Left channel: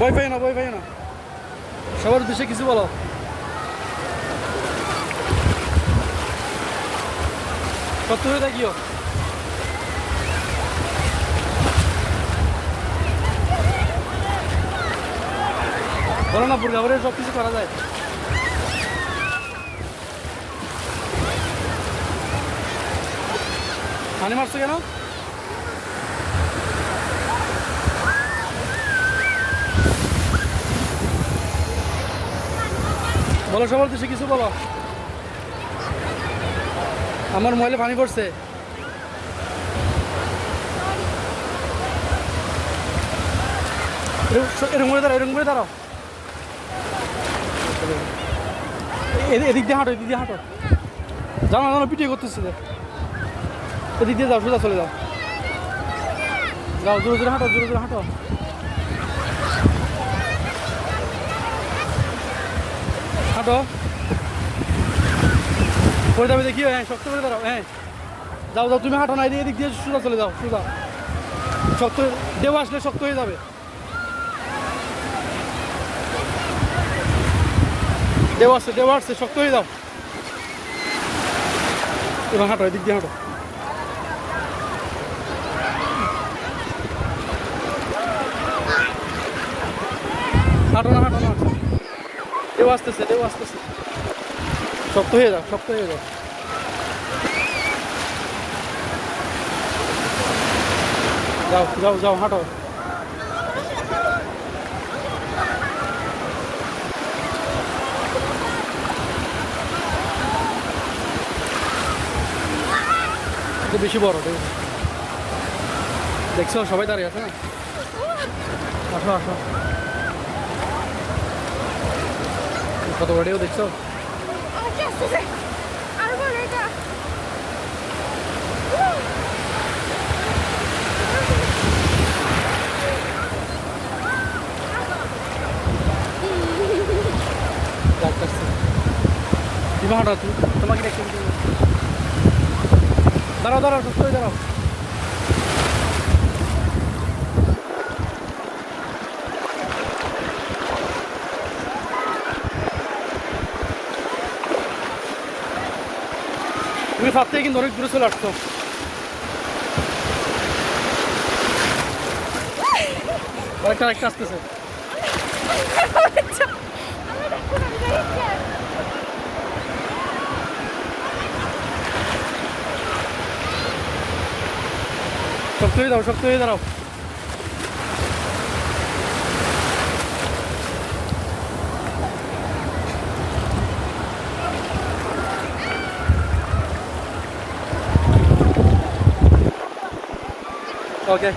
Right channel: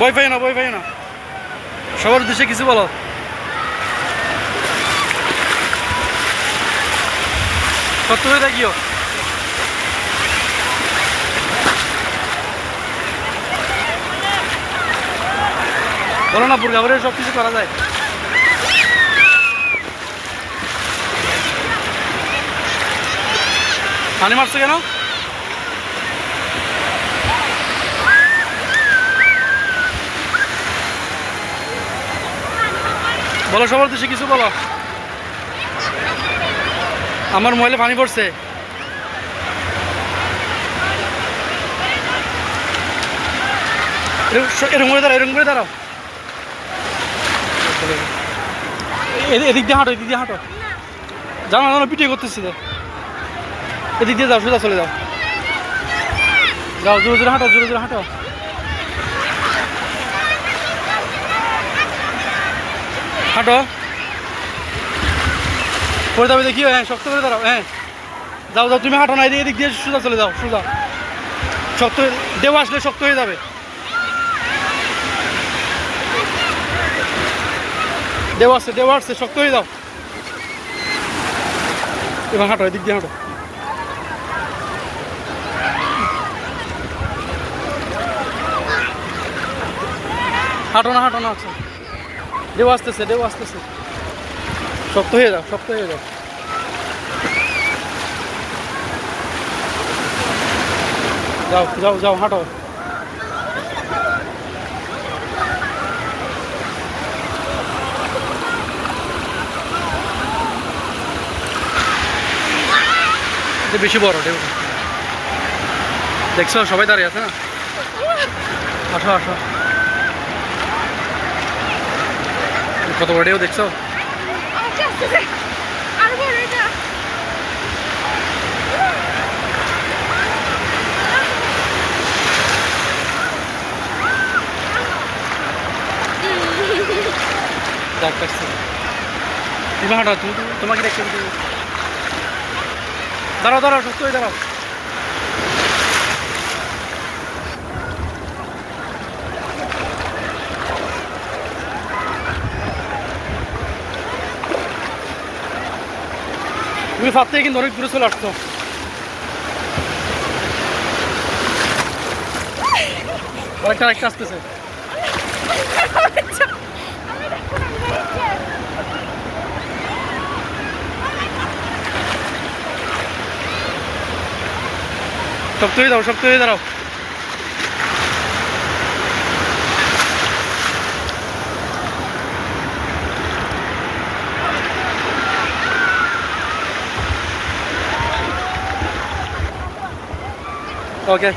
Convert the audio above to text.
ভয় পাই না সবার উদ্দেশ্যে কিছু বলো। সত্য হয়ে থাকিও। বলো না, বুর্গা পরে সব কিছু করা যায়। পানি মারছো কেন? বলো, সবার উদ্দেশ্যে কিছু বলো। আমার মোবাইলে পানি পড়ছে। এরকম করে দাঁড়াও। এদিক দিয়ে হাঁটো। জানো পিটিয়ে করতেছি। এদিক দিয়ে যাও, সোজা চলে যাও। জোরে হাঁটো। পরে যাবে দেখিও। হ্যাঁ, শক্ত করে দাঁড়াও। হ্যাঁ, যাও তুমি হাঁটো না, এদিক দিয়ে সোজা চলে যাও। শক্ত দেও আসলে শক্ত হয়ে যাবে। দেও আসছে শক্ত হয়ে যাও। এবার হাঁটো, এদিক দিয়ে হাঁটো। হাঁটো না দেও আসতেছে। শক্ত হয়ে যাও। যাও হাঁটো। বেশি বড় ঢেউ দেখছো, সবাই দাঁড়িয়ে আছে না। আসো কত বড় ঢেউ দেখছো। তুমি হাঁটো, তোমাকে দেখতে দাঁড়াও সুস্থ হয়ে দাঁড়াও। তুমি ফাঁপ থেকে কিন্তু অনেক দূরে চলে আসছো। একটা আসতেছে। শক্ত হয়ে দাঁড়াও। ওকে।